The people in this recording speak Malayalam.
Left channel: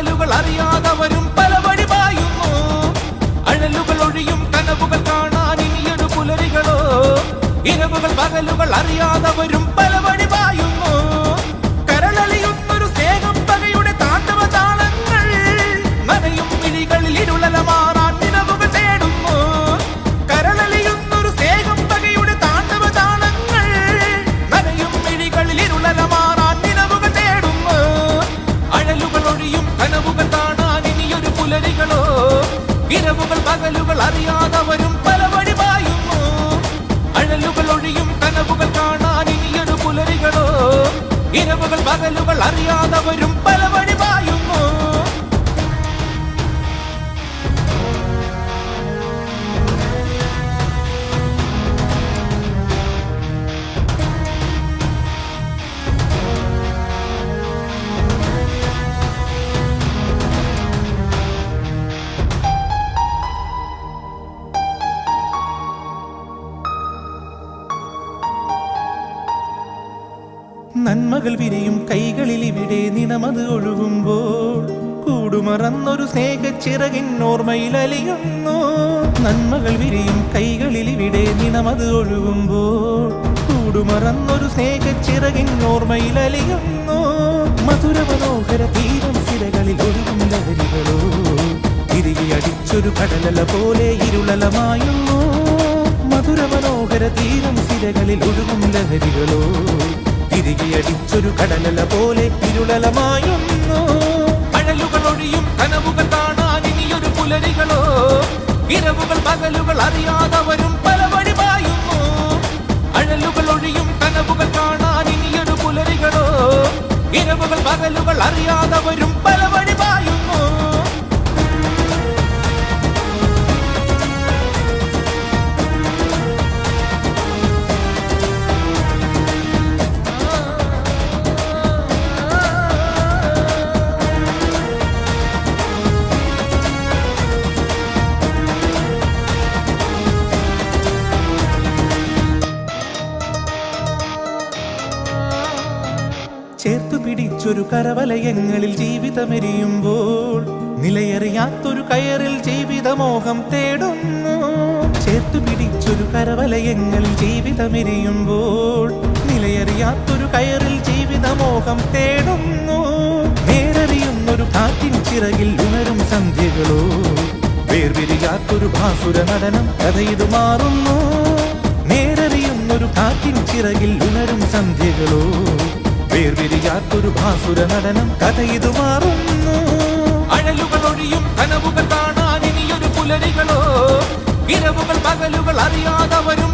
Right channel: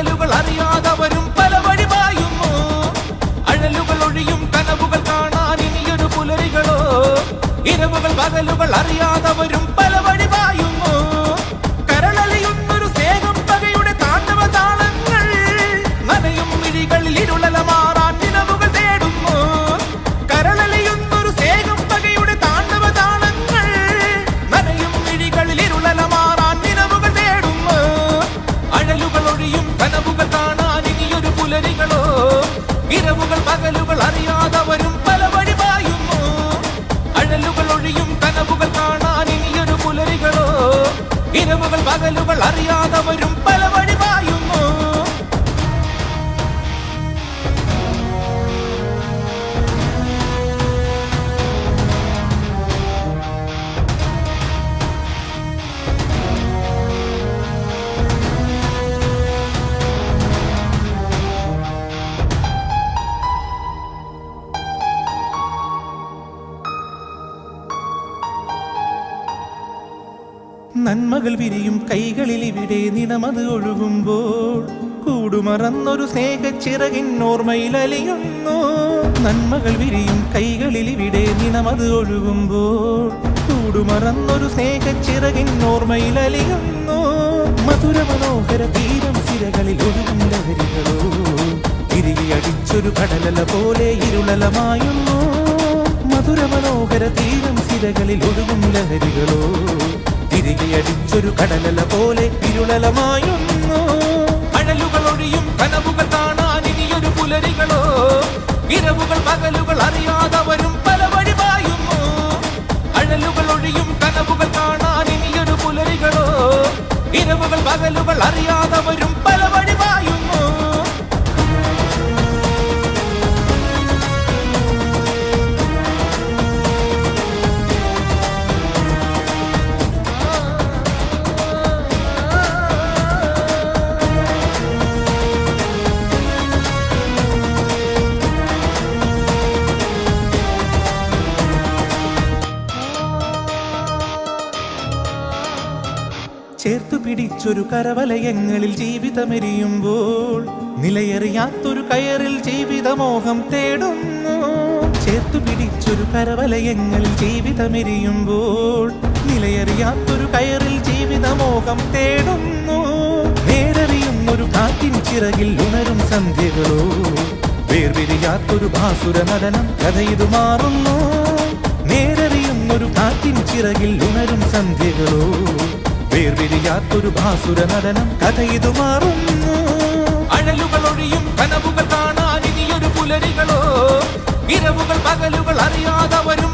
പകലുകൾ അറിയാതവരും പല വഴി പായുന്നു. അഴലുകൾ ഒഴിയും കനവുകൾ കാണാൻ ഇനിയൊരു പുലരികളോ. ഇരവുകൾ പകലുകൾ അറിയാതവരും പല വഴി പായുന്നു. കരളലിയുന്നൊരു സ്നേഹം പകയുടെ താണ്ഡവ താളങ്ങൾ. നനയും മിഴികളിൽ ഇരുളല മാറാൻ നിലവുകൾ തേടുന്നു. കരളലിയുന്നൊരു സ്നേഹം പകയുടെ താണ്ഡവ താളങ്ങൾ. നനയും മിഴികളിൽ ഇരുളല മാറാൻ നിലവുകൾ തേടുന്നു. അഴലുകൾ ഒഴിയും കനവുകൾ കാണാൻ ഇനിയൊരു പുലരികളോ. ഇരവുകൾ പകലുകൾ അറിയാതവരും പല വഴി പായുന്നു. അഴലുകൾ ഒഴിയും കനവുകൾ കാണാൻ ഇനിയൊരു പുലരികളോ. ഇരവുകൾ പകലുകൾ അറിയാതവരും പല വഴി പായുന്നു. നന്മകൾ വിരിയും കൈകളിൽ ഇവിടെ നിണമത് ഒഴുകുമ്പോൾ കൂടുമറന്നൊരു സ്നേഹച്ചിറകിൻ ഓർമ്മയിൽ അലിയുന്നു. നന്മകൾ വിരിയും കൈകളിൽ ഇവിടെ നിണമത് ഒഴുകുമ്പോൾ കൂടുമറന്നൊരു സ്നേഹച്ചിറകിൻ ഓർമ്മയിൽ അലിയുന്നു. മധുര മനോഹര തീരം സിരകളിൽ ഒഴുകും ലഹരികളോ. തിരികെ അടിച്ചൊരു കടലല പോലെ ഇരുളലമായുന്നു. മധുര മനോഹര തീരം സിരകളിൽ ഒഴുകും ലഹരികളോ. തിരികെ അടിച്ചൊരു കടലല പോലെ ഇരുളലമായുന്നു. അഴലുകൾ ഒഴിയും കനവുകൾ കാണാൻ ഇനിയൊരു പുലരികളോ. ഇരവുകൾ പകലുകൾ അറിയാതവരും പല വഴി പായുന്നു. അഴലുകൾ ഒഴിയും കനവുകൾ കാണാൻ ഇനിയൊരു പുലരികളോ. ഇരവുകൾ പകലുകൾ അറിയാതവരും പല വഴി പായുന്നു. ചേർത്തു പിടിച്ചൊരു കരവലയങ്ങളിൽ ജീവിതമെരിയുമ്പോൾ നിലയറിയാത്തൊരു കയറിൽ ജീവിതമോഹം തേടുന്നു. ചേർത്തു പിടിച്ചൊരു കരവലയങ്ങളിൽ ജീവിതമെരിയുമ്പോൾ നിലയറിയാത്തൊരു കയറിൽ ജീവിതമോഹം തേടുന്നു. നേരറിയുന്നൊരു കാറ്റിൻ ചിറകിൽ ഉണരും സന്ധ്യകളോ. വേർപിരിയാത്തൊരു ഭാസുര നടനം കഥയിതു മാറുന്നു. നേരറിയുന്നൊരു കാറ്റിൻ ചിറകിൽ ഉണരും സന്ധ്യകളോ. വേർപിരിയാത്തൊരു ഭാസുര നടനം കഥയിതു മാറുന്നു. അഴലുകൾ ഒഴിയും കനവുകൾ കാണാൻ ഇനിയൊരു പുലരികളോ. ഇരവുകൾ പകലുകൾ അറിയാതവരും